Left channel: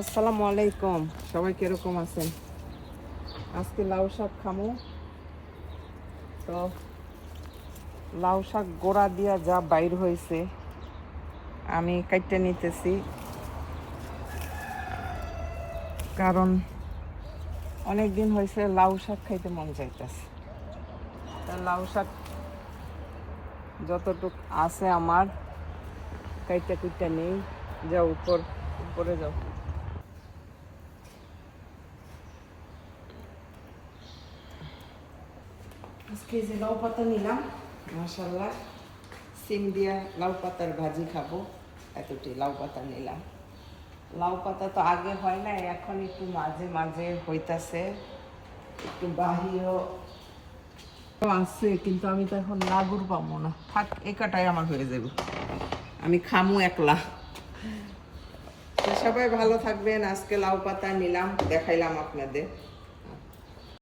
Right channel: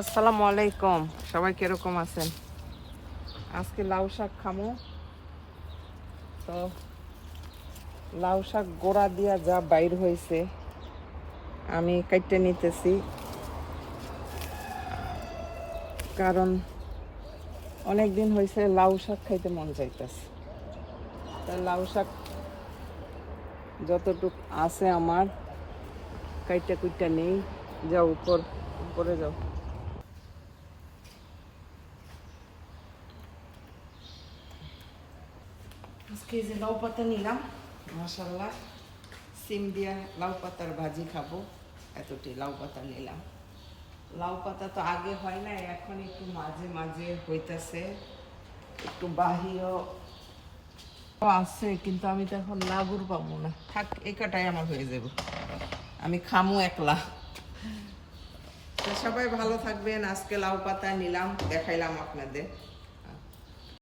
আসসালামু আলাইকুম, সবাই কিরকম আছেন? আজকে লাউ শাক খামো। তো লাউ শাক গোড়া দিয়া যা বাইর হয়েছে আমি কাটতে নিতেছি, কারণ অনেক দিন হয়েছে লাউ শাক খাইতে মন চাইতেছে। লাউ শাক যতটুক আছে আমার কাইটা কুইটা নেই, যা উপরে যাও। আজকে যে লাউ পাতা নিলাম, মাশাআল্লাহ সিম দিয়া লাউ পাতার ভাজি খাবো, এতটি লাউ পাতা নিলাম। লাউ পাতা তো আগে হয় না, এখন একটু মাঝে মাঝে হইতাছে, একটু বাহিরও আছে, কিন্তু আমি তো এখন লাগুর পাবো না। থাক, এই কাটাই আমার হয়ে যাবে, আমি খামু একলা। তো সবাই ভালো থাকবেন। আজকে লাউ পাতা নিলাম, দেখাইলাম আপনাদের।